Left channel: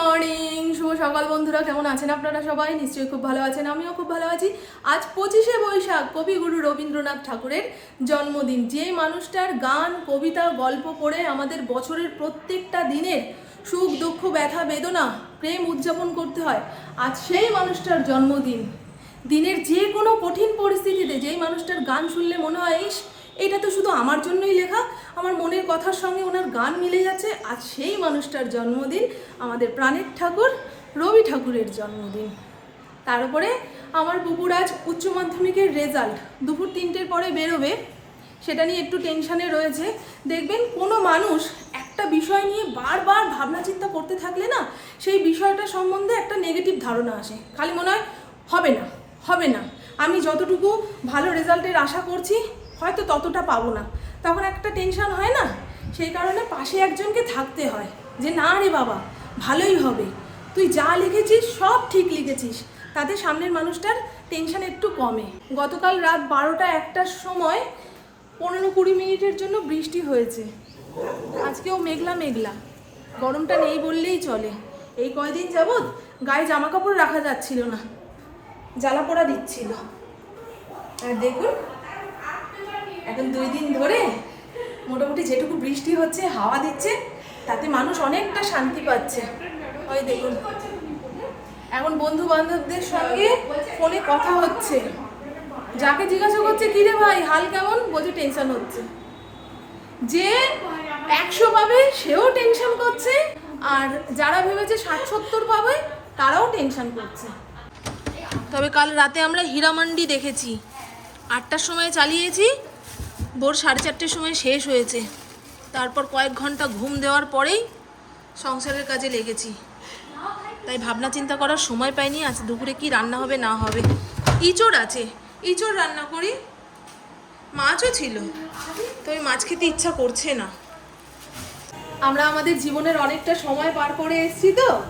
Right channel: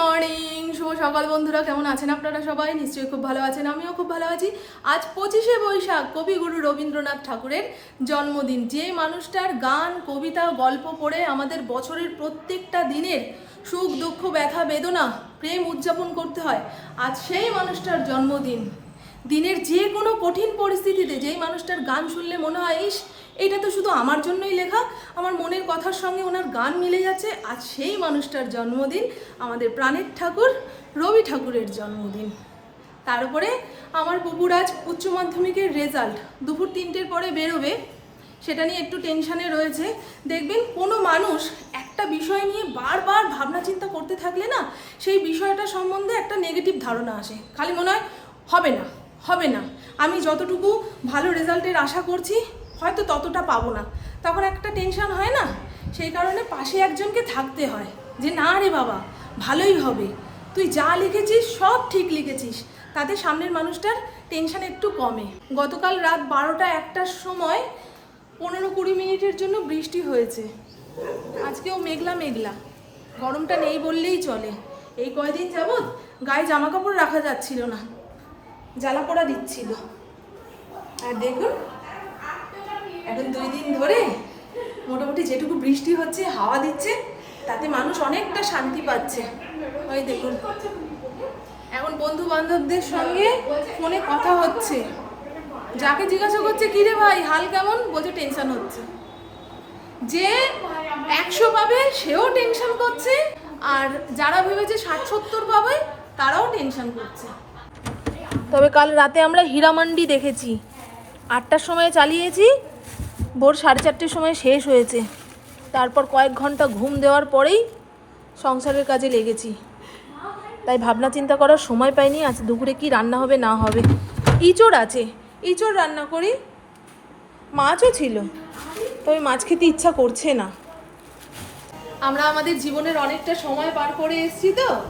Morning. শুভ সকাল বন্ধুরা, কেমন আছেন আপনারা সবাই? নিশ্চয়ই খুব ভালো আছেন, আমিও খুব ভালো আছি। আজ পঁচিশে বৈশাখ, কবিগুরু রবীন্দ্রনাথ ঠাকুরের জন্মদিন। যে মানুষটার গান, কবিতা, গল্প পড়ে আমাদের বছরের প্রত্যেকটা দিনের সুখ, দুঃখ, ব্যথা, বেদনা, প্রেম উদযাপন করতে হয়, আজ সেই মানুষটার জন্মদিন। দিনের যে কোনো কঠিন পরিস্থিতিতে যেই মানুষটার গান শুনলে মনে হয়, ইস এইটা তো শুধু আমার জন্যই লেখা। আমার মনের কথার সঙ্গে ওনার গান মিলে যাচ্ছে। আজ সেই মানুষটার জন্মদিন, আমাদের প্রাণের ঠাকুর, রবি ঠাকুরের জন্মদিন। তার উপরে আমার পুকুর আজ উচ্চ মাধ্যমিকের রেজাল্ট। দুপুর তিনটের পরে বেরোবে। সেটা নিয়ে একটু টেনশানে রয়েছে। দেখবেন কোনো মানুষ একটা বিষয় নিয়ে বারবার ভাবনা চিন্তা করতে থাকলে না, সেই বিষয়টা সম্বন্ধে একটা নেগেটিভ ধারণা আসে। খালি মনে হয়, হবে না হবে না। আমি যতটুকু ভালো রেজাল্টের আশা করছি হয়তো ততটা পাবো না। তখন একটা টেনশন হয় না? সেই কারণে পাশে একজনকে থাকতে হয় যে, না রে বাবা, ভালোই হবে। তুই যা লিখেছিস, সব ঠিক লিখেছিস। তাতে সামনের মানুষটার টেনশন একটু কমে। গতকাল রাত বারোটা একটার সময় পনেরো কুড়ি মিনিটের জন্য বৃষ্টি হয়েছে। আজকেও মেঘলা মেঘলা। গরমটা নেই বললেই চলে। এই কয়দিন যাবৎ গায়ে জামা কাপড় রাখা যাচ্ছিল না। জ্বালা পোড়া দিচ্ছিল। আর দেখুন এখন দুই দিন ধরে মোটামুটি যেটুকু বৃষ্টি হচ্ছে, হাওয়া দিচ্ছে, তাতে মানুষ অনেকটা শান্তি পাচ্ছে। ওই দেখুন। এখন বন্ধু বান্ধবদের সঙ্গে ফোনে কথা হচ্ছে। যাকে জিজ্ঞাসা করছে কিরে ভাই, হাল কেমন? বলছে, টেনশন হচ্ছে। যে একশো পাবে, সেও টেনশন করছে, আর যারা ভেবেছে ষাট সত্তর পাবে, তারাও টেনশন করছে। তবে কাল রাতে আমরা হীরামান্ডি দেখেছি। আটটার সময় চালিয়েছি ভোর সাড়ে চারটের সময় শেষ হয়েছে। তারপর কয়েক ঘণ্টা ঘুম দেওয়ার পরেই সংসারের কাজে লেগেছি। তাই ভাবনা চিন্তা করার সময় পাইনি আজ দুপুরে কি রান্না হবে না হবে। ইঁচড় আছে। ইঁচড় রান্না করি। মাছও ছিল। তবে মাছ খেতে ইচ্ছা করছে না। আমরা আমাদের জীবনের অনেকটা সময় পার করে এসেছি তো।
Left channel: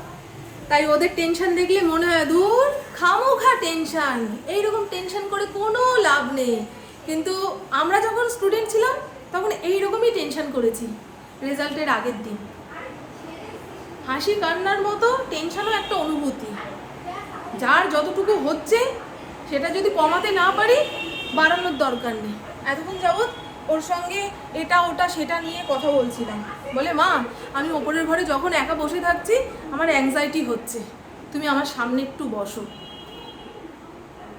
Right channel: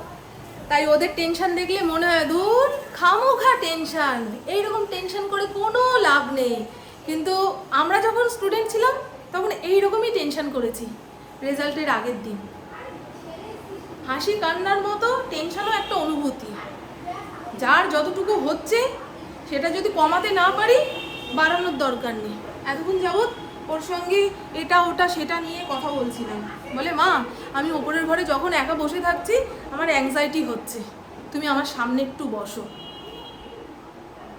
তাই ওদের টেনশন দেখলে মনে হয়, দূর, খামোখা টেনশন এইরকম টেনশন করে কোনো লাভ নেই। কিন্তু আমরা যখন স্টুডেন্ট ছিলাম, তখন এই রকমই টেনশন করেছি রেজাল্টের আগের দিন। হাসি কান্নার মতো টেনশনও একটা অনুভূতি। যার যতটুকু হচ্ছে, সেটা যদি কমাতে না পারি, বাড়ানোর দরকার নেই। এতক্ষণ যাবৎ ওর সঙ্গে এটা, ওটা, সেটা নিয়ে কথা বলছিলাম। বলে, মা, আমি ওপরের ঘরে যখন একা বসে থাকছি, আমার অ্যাংজাইটি হচ্ছে। তুমি আমার সামনে একটু বসো।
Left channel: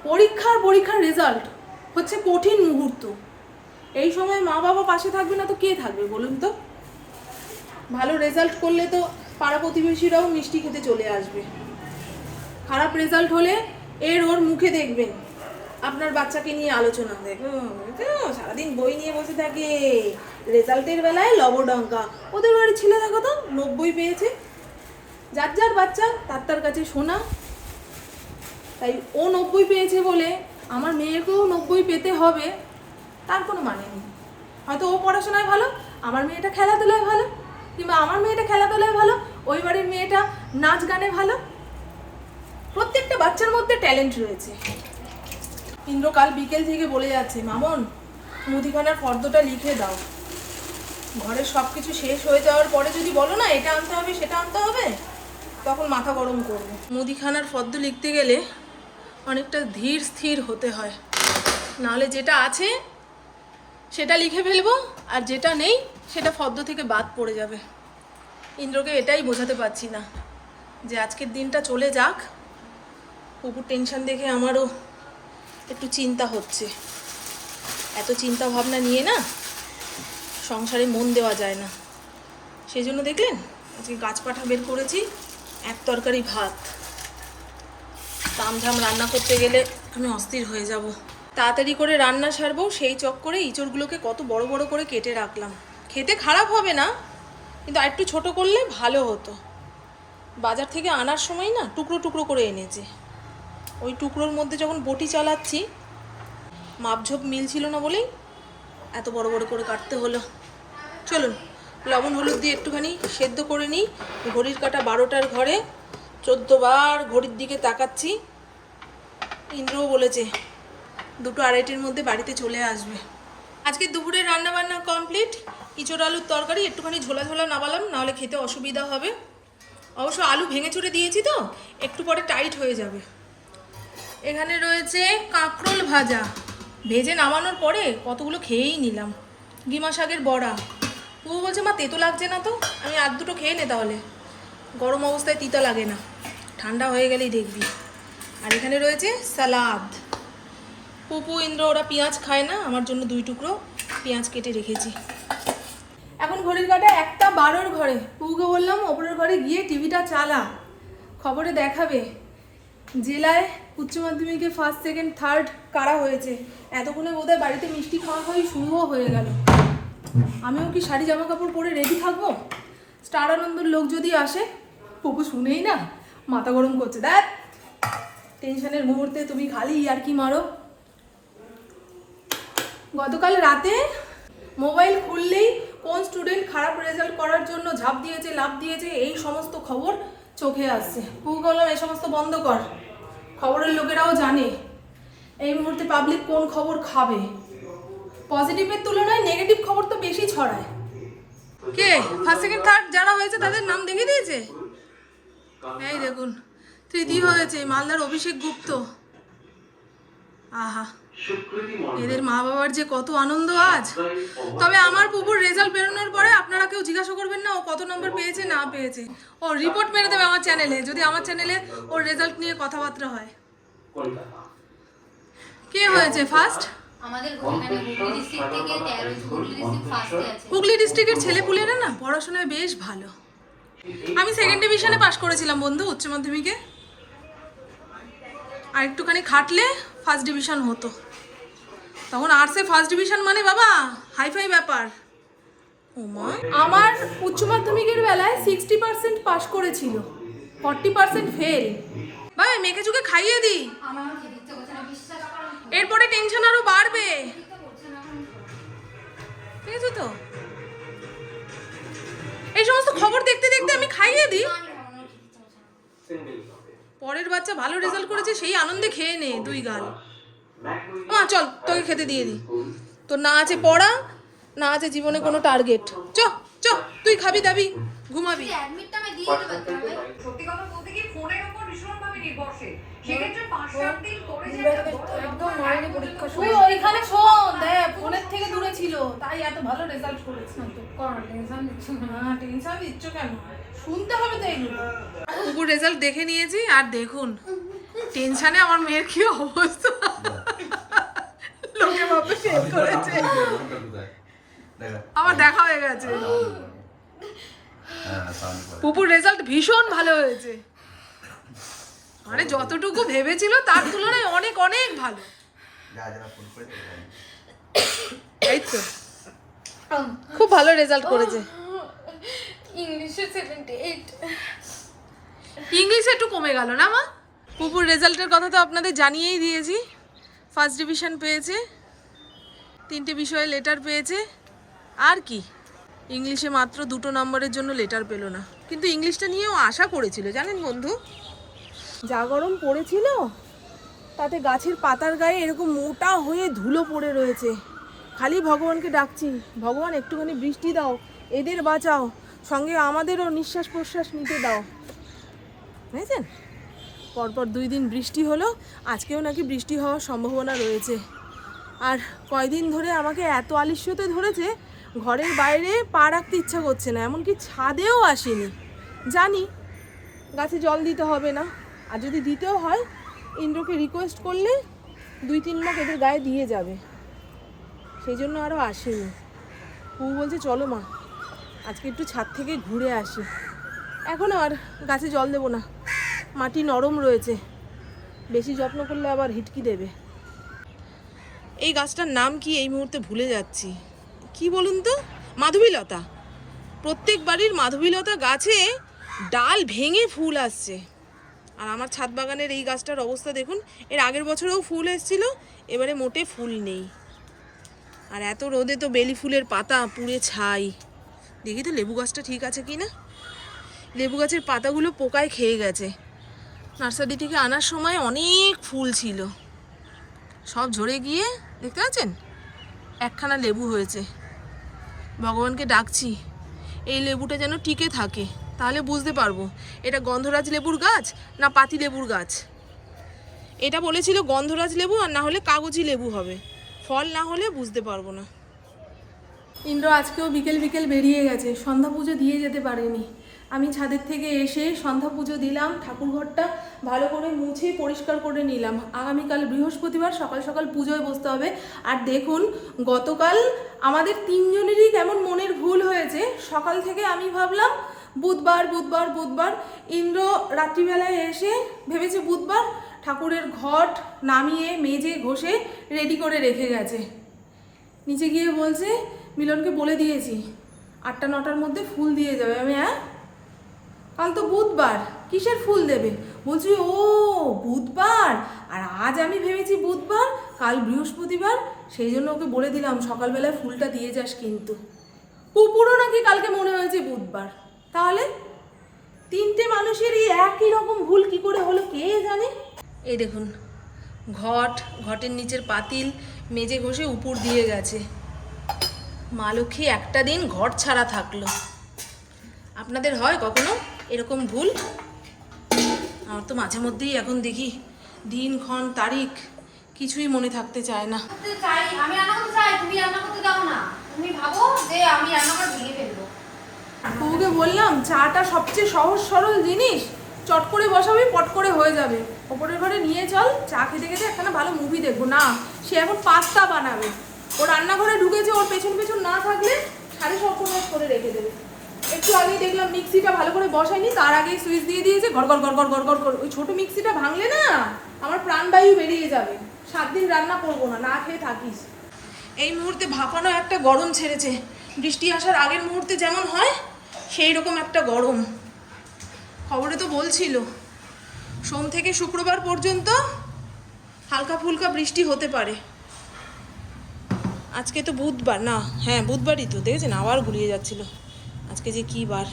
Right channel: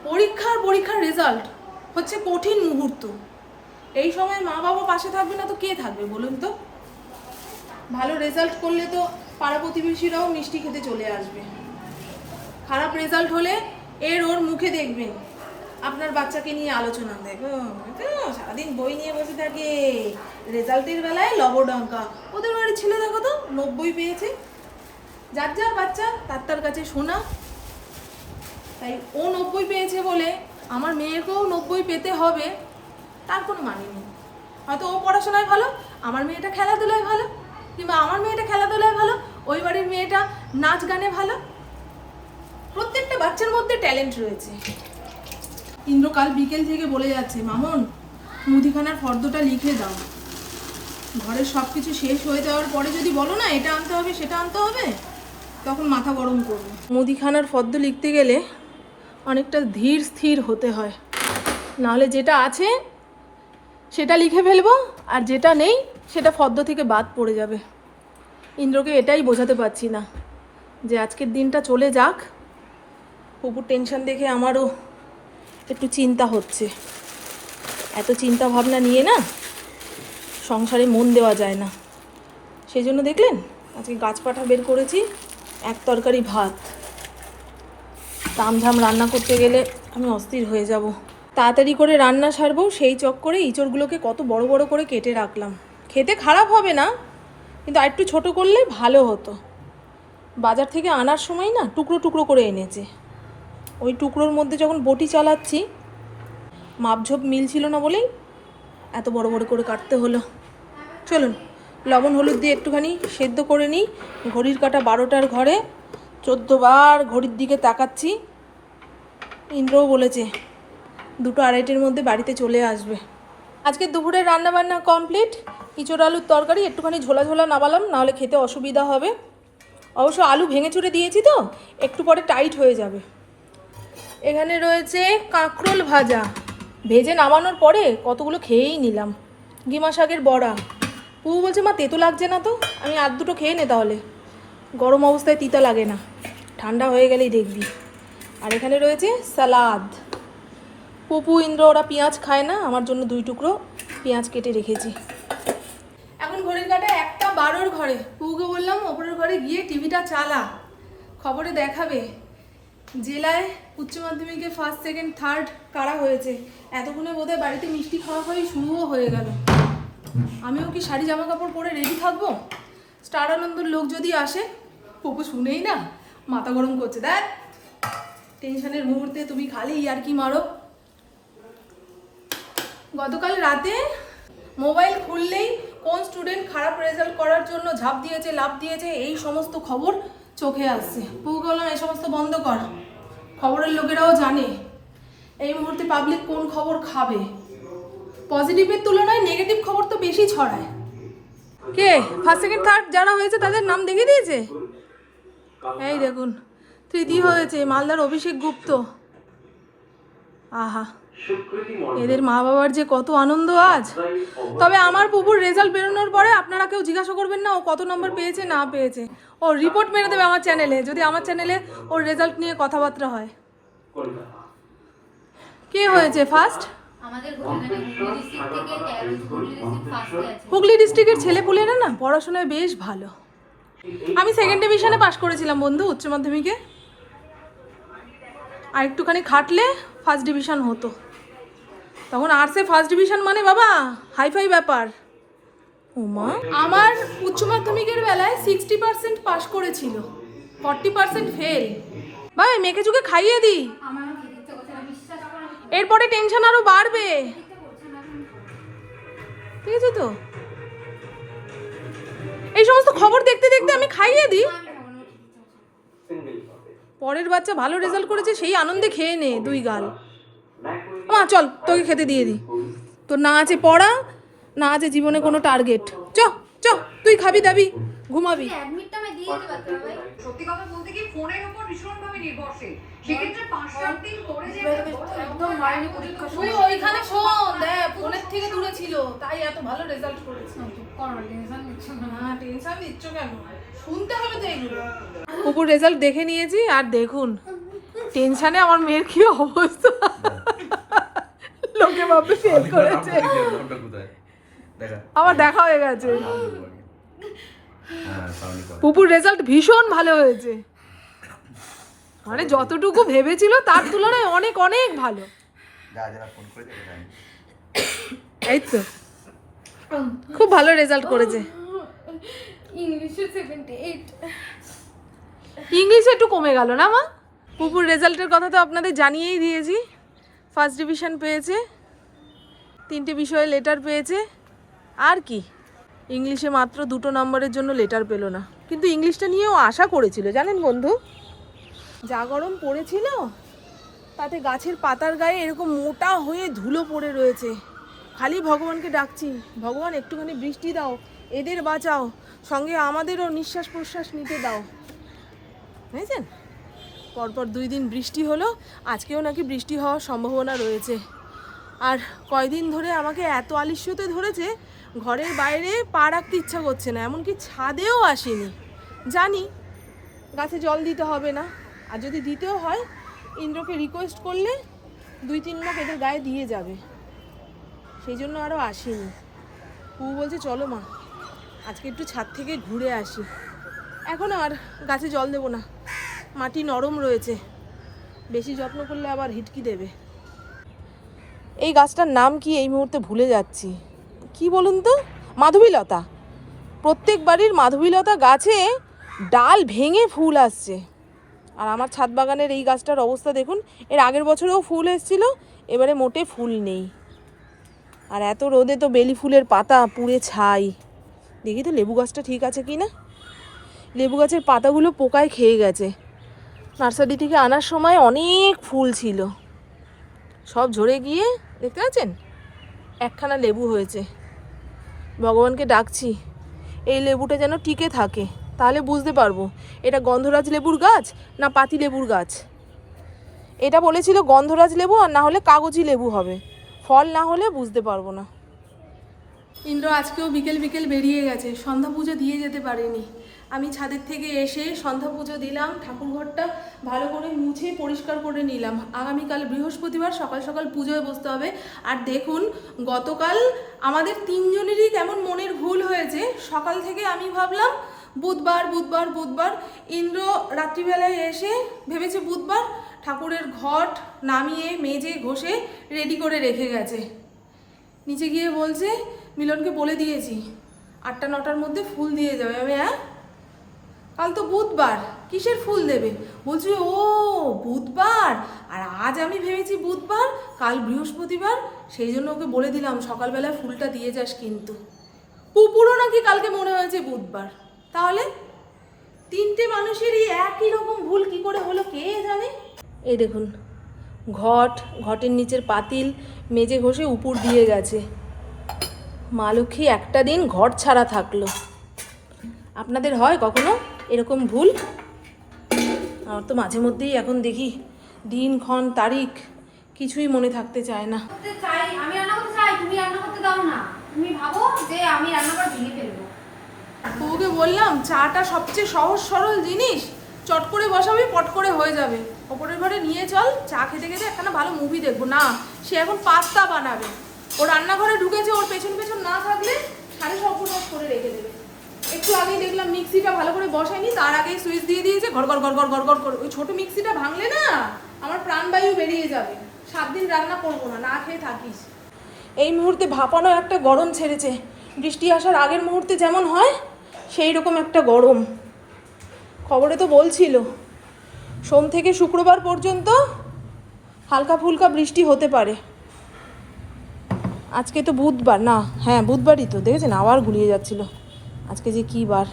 পরীক্ষার পরীক্ষার রেজাল্ট হচ্ছে কঠিন মুহূর্ত। এই সময় মা বাবা পাশে থাকবে না তো কে থাকবে বলুন তো? ভালো রেজাল্ট করলে তো পাড়া প্রতিবেশীরাও মিষ্টি খেতে চলে আসবে। খারাপ রেজাল্ট হলে এর ওর মুখে দেখবেন। আপনার বাচ্চাকে নিয়ে আলোচনা দেখো সারাদিন বই নিয়ে বসে থাকে। রেজাল্টের বেলায় লবডঙ্কা। ওদের বাড়ির ছেলে দেখো তো, নব্বই পেয়েছে। যার যার বাচ্চা, তার তার কাছে শোনা তাই ও নব্বই পেয়েছে বলে আমার মেয়েকেও নব্বই পেতে হবে, তার কোনো মানে নেই। হয়তো ও পড়াশোনায় ভালো, আমার মেয়েটা খেলাধুলায় ভালো, কিংবা আমার মেয়েটা খেলাধুলায় ভালো, ওই বাড়ির মেয়েটা নাচ গানে ভালো। প্রত্যেকটা বাচ্চার মধ্যে ট্যালেন্ট রয়েছে। ইন্দ্র কাল বিকেল থেকে বলে যাচ্ছে, মামন, মুদিখানার ফর্দটা লিখে দাও। ঘরের সব কিছু শেষ হয়ে যাওয়ার পরে যদি বলো না, এটা আনতে হবে, সেটা আনতে হবে? তখন মাথা গরম করবে। মুদিখানার ফর্দ লিখতে গেলে অনেকটা ধীর স্থির হতে হয়। নাহলে যেটা আছে, সেটা লিখে ফেলব, আর যেটা নেই, সেটা ফর্দ থেকে বাদ পড়ে যাবে। ইন্দ্রকে এটাই বোঝাতে পারছি না, যে আজকের দিনটা চলে যাক। পুকুর টেনশন দেখে আমারও একটু চিন্তা হচ্ছে। এত চিন্তা ভাবনা নিয়ে না সংসারে মন দেওয়া যায় না। সেই জন্য দেখলেন, আজকে গাছপাঠা বের করেছি, এক তরকারি ভাত। তামঝাম রান্না করতে গেলে আমি অস্থির হয়ে যাব। তাড়াতাড়ি করে রান্না সারবো, সেই চক্করে ইঁচড়গুলোকে কত বড় বড় করে কেটে রাখলাম। খেতে খারাপ হবে না, কিন্তু আর একটু ছোটো করলে ভালো হতো। বাজার থেকে আনার সময় না টুকরো টুকরো করে এনেছে। ওই টুকরোর মধ্যে যখন বটি চালাচ্ছি, মাপঝোপ মিলছিল না বলেই এত বড় বড় করে কাটতে হলো। চলুন, লবণ, হলুদ দিয়ে একটুখানি সেদ্ধ করে নিই। ঘড়ির কাটা বারোটার ঘরে চোদ্দ বার ঘড়ির দিকে তাকাচ্ছি। ইন্দ্রও বলেছে, দুটো আড়াইটের মধ্যে বাড়িতে চলে আসবে। আজকে দুপুরের রান্না বান্না কমপ্লিট, ইঁচড় আলুর তরকারি, একটুখানি ঝোলা ঝোলা নামালাম, নাহলে খেতে অসুবিধা হবে। অবশ্য আলু ভেঙে চুরে দিয়েছি তো, একটু পরে টাইট হয়ে যাবে। এখানে রয়েছে কাঁকরোল ভাজা। ভেজে নামানোর পরে কতগুলো খেয়েই নিলাম। ডিমা শাকের বড়া। পুবু বলছে, মা, তেতো লাগছে না তো, আমি আর দুটো খেয়ে নে তাহলে। গরম অবস্থায় তিতা লাগে না। ঠান্ডা হয়ে গেলেই দেখবি। আর এখানে রয়েছে সালাদ পপু, ইন্দ্র, ওরা পেঁয়াজ খায় না, আমার জন্য দুই টুকরো পেঁয়াজ কেটে রেখেছি। এখন ঘড়ির কাটা একটা বারোর ঘরে। পুকে বললাম, ওপরের ঘরে গিয়ে টিভিটা চালা। খবরে দেখাবে। জেলায় উচ্চ মাধ্যমিকে ফার্স্ট সেকেন্ড থার্ড কারা হয়েছে? এতক্ষণে বোধহয় বাড়িতে মিষ্টি খাওয়া খাওয়াই শুরুও হয়ে গেল। আমিও কি শাড়ি জামা কাপড় পরে রেডি থাকব? স্টার আনন্দর লোক যদি আসে পুপু শুনেই না, মাথা গরম করছে। দেখ, টেনশনের মুহূর্তে তুমি খালি আর কি মারো। গতকাল রাতে মোবাইল খুললেই কোন স্টুডেন্ট খারাপ রেজাল্ট করার জন্য ঝাঁপ দিয়েছে লাভ দিয়েছে, এই সমস্ত খবর চোখে আসছে। পুকু বললাম এই সমস্ত বন্ধ কর। খবরের লোকেরাও জানে। এই মুহূর্তে পাবলিক কোন খবর খাবে? পজিটিভের তুলনায় নেগেটিভ খবর তো বেশি ছড়ায়। কে? ফার্স্ট সেকেন্ড থার্ড যারা হয়েছে তাদের নাম দেখিয়ে দিয়েছে? এই দেখুন তৃতীয় হয়েছে, মালদার অভিষেক গুপ্ত। আহা, এদের মা বাবার যে কত আনন্দ আজ। তবে আমার পুকুর রেজাল্ট বেরোনোর পরে আপনারা কেউ জিজ্ঞাসা করবেন না, ও কত নম্বর পেয়েছে, না পেয়েছে। ও রিপোর্ট মেরে দেবে আমার চ্যানেলে যদি আমার চ্যানেলে ওর রেজাল্ট নিয়ে কথাবার্তা হয়। কে হয়েছে ফার্স্ট আমাদের হুগলি ডিস্ট্রিক্টের ছেলেপুলেরা না পড়াশোনায় বেশ ভালো। আমি সেকেন্ড ডিভিশনে পাশ করেছিলাম বন্ধু উচ্চ মাধ্যমিকে। আর একটুখানি খাটলে ফার্স্ট ডিভিশন হতো। তখন আর্টসে ফার্স্ট ডিভিশন মানে বাবা হাইফাই ব্যাপার। ওমা আমার উচ্চ মাধ্যমিকের বেলায় সিক্সটি পার্সেন্ট পাশ করেছিল। ফর্টি পার্সেন্ট ফেল ভাই মেয়েকে চুকে খাইয়ে দিই। আমার আমার খেতে ইচ্ছে করছে না বিশ্বাস করো এরপরে টেনশন আরও বাড়বে। ঠিক আছে তো? এই সমস্ত খবর দেখতে দেখতে আমি খাইয়ে দিই। পরের বাচ্চা ভালো রেজাল্ট করেছে, সেই আনন্দে খেয়ে নে দুই গাল। মা চল, তোকে খেতে দিয়ে দিই। তোর না আছে পড়া, না আছে জীবনে কোনো টার্গেট চ চ, তুই খাবি দাবি, ঘুমাবি। অ্যাডমিটটা আমি দিয়ে পারতাম ভাই সত্যি কথা বলতে কি ফোনের উপর ভীষণভাবে নির্ভরশীল। একদম মারেনি পরীক্ষা তুই ওইখানে শোন দেখ ফোনের থেকে দূরে ছিল তাই এত ভালো রেজাল্ট করেছে। টেনশন নিচ্ছ না। না টেনশন দিচ্ছ কেন? শুনতে হবে তো এগুলো। কুকুর রেজাল্ট দেখে নিয়েছি আর দেখুন টেনশনে আমার মেয়ের কি অবস্থা? লোকে করেছে। আমার দেখা হয়ে গেছে। হ্যাঁ পুপুর রেজাল্ট ভীষণ ভালো হয়েছে। মানে যতটুকু ভেবেছিল তার তুলনায় অনেক অনেক ভালো। এই তো। খুব ভালো রেজাল্ট করেছে। ইংলিশে সেভেন্টি এইট ইংলিশে একটু কমে গেল না মা? পুপুর রেজাল্টের কথা তো আপনাদের জানিয়েই দিয়েছি। ফার্স্ট ডিভিশন পেয়েছে তিনটে বিষয়ে লেটার পেয়েছে। আর কি? ইংলিশে মাত্র দুটো নম্বরের জন্য লেটার পেল না। কিন্তু ইংলিশটা নিয়েও আশা করেছিল জানেন বন্ধু? যা গরম পড়েছিল, তাতে গাছের পাতার গায়ে এরকম মোটা হয়ে ধুলো পড়ে রয়েছে। খালি ভগবানকে ডাকছি, ভগবান একটুখানি বৃষ্টি দাও, এদের বাঁচাও, সঙ্গে আমাদেরও নিঃশ্বাস প্রশ্বাস নিতে দাও। বুঝেছেন? পরপর দুই দিন বৃষ্টি হলো, আজকেও নাকি বৃষ্টি হওয়ার সম্ভাবনা রয়েছে। আর কয়দিন ধরে আমাকে এত আলিস্যতে ধরেছে, ঘরের বাইরে পা রাখতে ইচ্ছা করছে না, এমনকি ছাদেও আসেনি। জানি, গাছে জল দিতে হবে না। আর যদি দিতেও হয়, ইন্দ্রকে রিকোয়েস্ট করলে দুই তিন মগ এদের গায়ে দিয়ে যাবে। সেই জন্য আরও আসেনি। পু বলছে, চলো মা, আজকে একটু ছাদ থেকে ঘুরে আসি। এখনও আর গাছে জল দেবো না। মাটি নরম রয়েছে। বেশি যত্ন করলে আবার হিটকি দেবে। এই গাছটার নাম কি এই মুহূর্তে ভুলে যাচ্ছি। কি বলুন তো? মাধবীলতা। প্রত্যেক বাড়ির মাধবীলতা গাছে ডাল ভেঙে ফুল আসছে। আর আমার ছাদ বাগানের এই গাছটার অবস্থা দেখুন, এর আগের বছরেও ফুল এসেছিল, এবারে মোটে ফুল নেই। আর এত রোদে তো বেলি ফুলের পাতা পুড়ে ছাই। দেখি তো লেবু গাছটা ঠিক আছে কি না? লেবু গাছের পাতাগুলো পোকায় খেয়ে গেছে। নার্সারি থেকে আনার সময় অনেক ফুল ছিল। সব ঝরে গিয়ে, দেখতে পাচ্ছেন? একখানা লেবু হয়েছে। ভগবানকে ডাকছি, এই লেবুটা যেন টিকে থাকে। তাহলে বুঝতে পারব। এটা গন্ধরাজ লেবুর গাছ না পাতি লেবুর গাছ? এটা বলেছিল গন্ধরাজ লেবু আর না হলে কাগজি লেবু হবে। ফল না হলে বুঝতে পারব না। ইন্দ্র আজকেও বিকেল বিকেল বেরিয়ে গেছে। সন্ধ্যা পুজো দিয়ে যেতে পারেনি। আমি ছাদের থেকে এসে সন্ধ্যা পুজো দিলাম ঠাকুরঘরটা ভালো করে মুছে পরিষ্কার করে নিলাম। আগামীকাল বৃহস্পতিবার সকাল সকাল পুজোয় বসতে হবে। আর দেখুন, গতকাল আমাদের তিনজনেরই কেমন মনের ভুল হয়েছে। সকাল থেকে আমি ভাবলাম বুধবার বুধবার বুধবার ইন্দ্র রাত্রিবেলায় এসে ভেবেছে বুধবার ঠাকুরের ঘট নামিয়ে, মেজে, ঘষে রেডি করে রেখে গেছে। নিচে গিয়ে বলছে, মিলনকে বলে দিয়েছি, আটটা, নটার মধ্যে ফুল দিয়ে যাবে। আমি হ্যাঁ? কাল তো বুধবার, কিসের ফুল দেবে? বলছি, ও, বুধবার? আর আজ আমি ভেবেছি বুধবার, কাল বৃহস্পতিবার, সেই জন্য ওকে বলে দিলাম, সকালবেলায় ফুলটা দিয়ে যাস কিন্তু। পুপুরও নাকি কালকে মনে হয়েছে বুধবার। তাহলে তিনটে মানুষেরই একই রকম ভুল কি করে হলো কে জানে? এই দেখুন ঘট ঘটের নিচের পাতিল মেজে ঘষে উপর দিয়ে গেছে। মা লক্ষ্মী একটা দিন ঘর ছাড়া থাকল। আপনাদের হয় কখনো এরকম ভুল? আমার তো মাঝে মধ্যেই এখন দেখি দিন ক্ষণ তারিখ কিছুই মনে থাকতে চায় না। চাই আমি রান্না করতে চাই তুমি রান্না করতে দাও না। তুমি ভাবো যে আমি ভেঙে ফেলব বউকে বললাম, চাটা সবচেয়ে সহজ সরল জিনিস। চট করে বসাবি, পট করে হয়ে যাবে। ওপরের ঘরে নিয়ে চল, চা খেতে খেতে একখানা ভালো মুভি দেখব। না, সে এখন পাস্তা বানাবে। ও রান্নাঘরে ঢুকেছে, ওর পেছন পেছন না থাকলে সাড়ে সর্বনাশ করে রেখে দেবে। একটু আগেই দেখলাম মিক্সিটা ভালো করে বসায়নি, তার আগেই সুইচ দিয়ে দিয়েছে ঘর ঘর ঘর ঘর ঘর ঘর ওই ছোটো মিক্সিটা ভাঙলে না, আমার প্রাণবায়ু বেরিয়ে যাবে। সাত দিন রান্না করব না না খেয়ে থাকিস। এই মুহূর্তে ভাপানো একটা গরম ছেড়েছে। বৃষ্টি আসার আগের মুহূর্তে যেমন হয় সেই রকম একটা গরম। খবরে তো বলছিল, সোম থেকে শুক্রবার পর্যন্ত হালকা ফুলকা বৃষ্টি হতে পারে। আজকে তো বুধবার, না হ্যাঁ বুধবারই তো, দেখেছেন? আবার গুলিয়ে যাচ্ছিল। আজকে যে কী বার।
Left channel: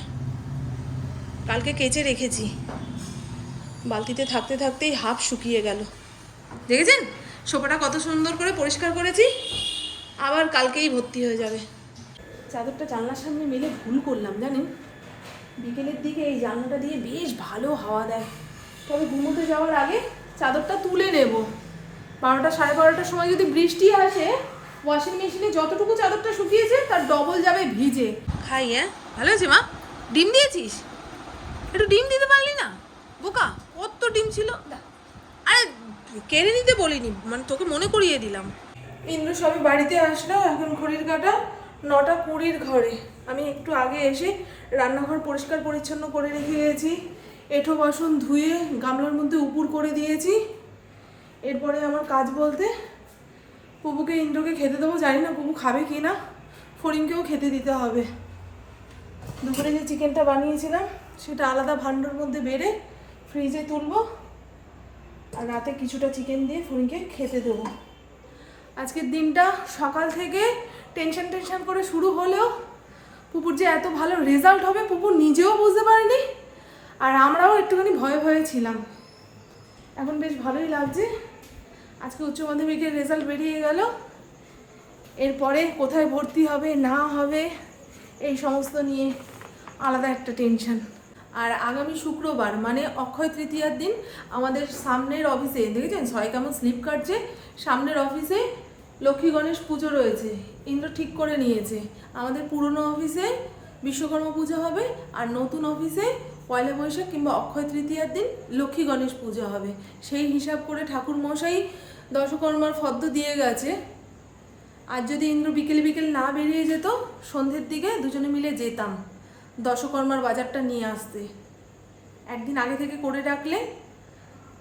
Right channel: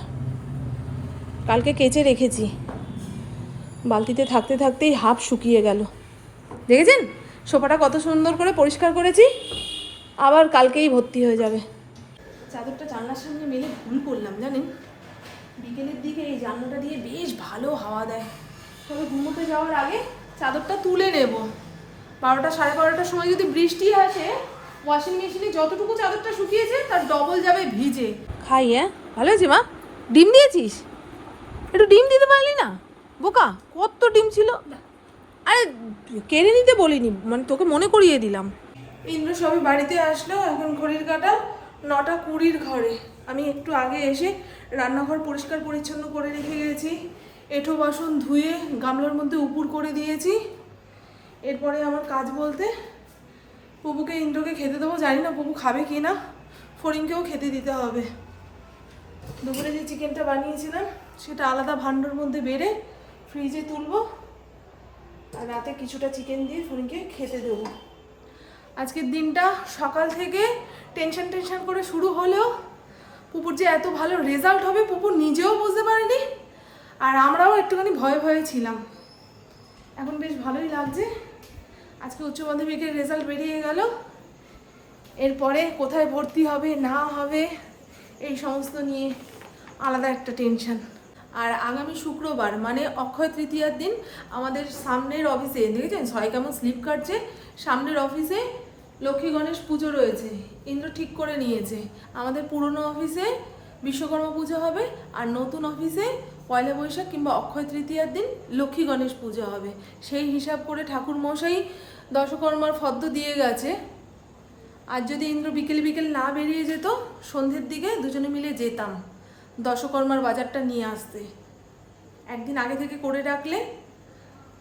কালকে কেচে রেখেছি। বালতিতে থাকতে থাকতেই হাফ শুকিয়ে গেল। দেখেছেন? সোফাটা কত সুন্দর করে পরিষ্কার করেছি, আবার কালকেই ভর্তি হয়ে যাবে। চাদরটা জানলার সামনে মেলে ভুল করলাম জানেন? বিকেলের দিকে এই জানলাটা দিয়ে বেশ ভালো হাওয়া দেয়। তবে ঘুমোতে যাওয়ার আগে চাদরটা তুলে নেব। বারোটা সাড়ে বারোটার সময় যদি বৃষ্টি আসে ওয়াশিং মেশিনে যতটুকু চাদরটা শুকিয়েছে তার ডবল যাবে ভিজে। খাই হ্যাঁ? ভালো আছে মা? ডিম দিয়েছিস? একটু ডিম দিতে পারলি না? বোকা কত ডিম ছিল? আরে কেড়ে নিতে বলিনি মানে তোকে মনে করিয়ে দিলাম। ইন্দ্র সবই বাড়িতে আসলো এখন ঘড়ির কাটা। নটা কুড়ির ঘরে। আমি একটু আগে এসে রান্নাঘর পরিষ্কার পরিচ্ছন্ন করে রেখে গেছি। এঁঠো বাসন ধুয়ে গামলার মধ্যে উপুর করে দিয়েছি। এরপরে আমার কাজ বলতে পুপুকে ইন্দ্রকে খেতে দেবো, জানি না পুপু খাবে কি না। ফরিংকেও খেতে দিতে হবে। দুপুরে যে চিকেনটা বানিয়েছিলাম, সেটা আলাদা ভাণ্ডর মধ্যে বেড়ে ফ্রিজে তুলবো। আর রাতে কিছুটা চিকেন দিয়ে ফরিংকে খেতে দেবো। আজকের দিনটা সকাল থেকে টেনশন টেনশন করে শুরু হলেও পুপুর যে এত ভালো রেজাল্ট হবে পুপুর নিজেও বুঝতে পারেনি, আর আমরাও একটুখানি ভয়ে ভয়ে ছিলাম। এখন বেশ ভালোই লাগছে। আজকে উচ্চ মাধ্যমিকের রেজাল্ট বেরিয়ে গেল। এরপরে কোথায় ভর্তি হবে, না হবে, এই সমস্ত নিয়ে আলাদা একটা টেনশন আর আগামী শুক্রবার মানে অক্ষয় তৃতীয়ার দিন আমাদের সামনের অফিসে দেখেছেন? সবাই কেমন স্লিপ কাটছে। সামনের অফিসে লক্ষ্মী গণেশ পুজো রয়েছে। ইন্দ্র ঠিক করে নিয়েছে। আমাদের পুরনো অফিসে বিশ্বকর্মা পুজো হবে আর নতুন অফিসে পয়লা বৈশাখ কিংবা অক্ষয় তৃতীয়ার দিন লক্ষ্মী গণেশ পুজো হবে। সেই হিসাব করে ঠাকুর মশাই দশকর্মার ফদ্দ দিয়ে গেছে। আর যদি ইন্দ্র বিকেল বিকেল না বেরিয়ে যেত, সন্ধ্যের দিকে দুজনে মিলে যেতাম, দশকর্মার বাজারটা নিয়ে আসতে। একদিন আগে থেকে করে রাখলে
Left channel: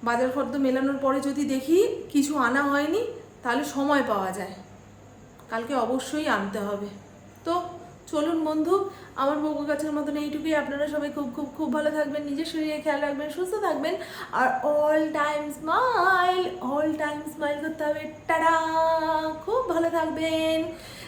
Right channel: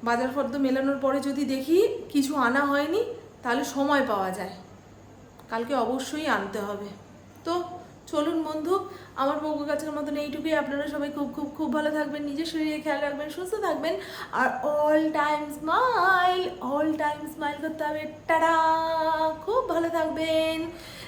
বাজার ফর্দ মেলানোর পরে যদি দেখি কিছু আনা হয়নি তাহলে সময় পাওয়া যায়। কালকে অবশ্যই আনতে হবে। তো চলুন বন্ধু, আমার বউ কাছের মতন এইটুকুই। আপনারা সবাই খুব খুব খুব ভালো থাকবেন, নিজের শরীরে খেয়াল রাখবেন, সুস্থ থাকবেন। আর all time smile all time smile করতে হবে। টাটা! খুব ভালো থাকবেন।